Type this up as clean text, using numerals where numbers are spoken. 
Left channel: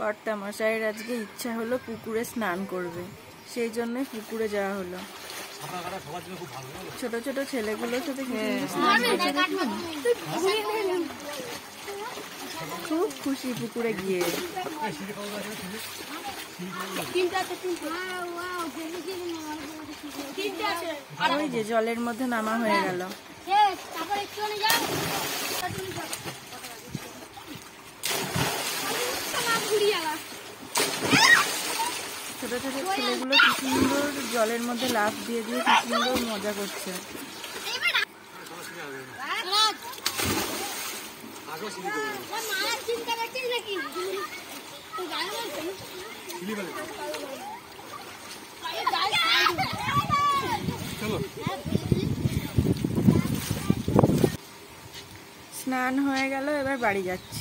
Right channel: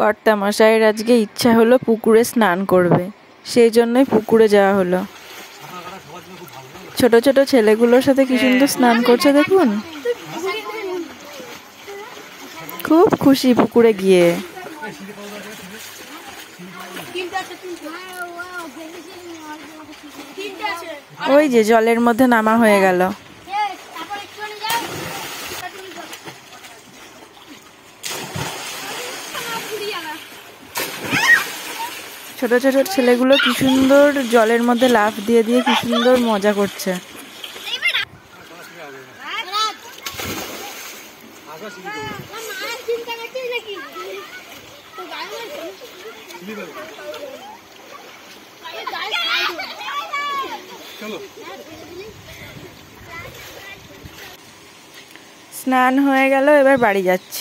কর্তামশাইয়ের আজকে ইচ্ছা হলো পুকুরে স্নান করবে, সেই জন্যই পুকুরে যাওয়া হলো। ছোট ছোট ছেলেগুলোর সাথে কি সুন্দর স্নান করছে দেখুন, খুব খুশি পুকুরে গিয়ে। ওই যে জলের মধ্যে নামা হয়ে গেল। ছোট ছোট ছেলেগুলো কি সুন্দর জলের মধ্যে লাফ দিয়ে দিয়ে কি সুন্দর মজা করছে। স্নান হয়ে গেল, এবার বাড়ি যাচ্ছি।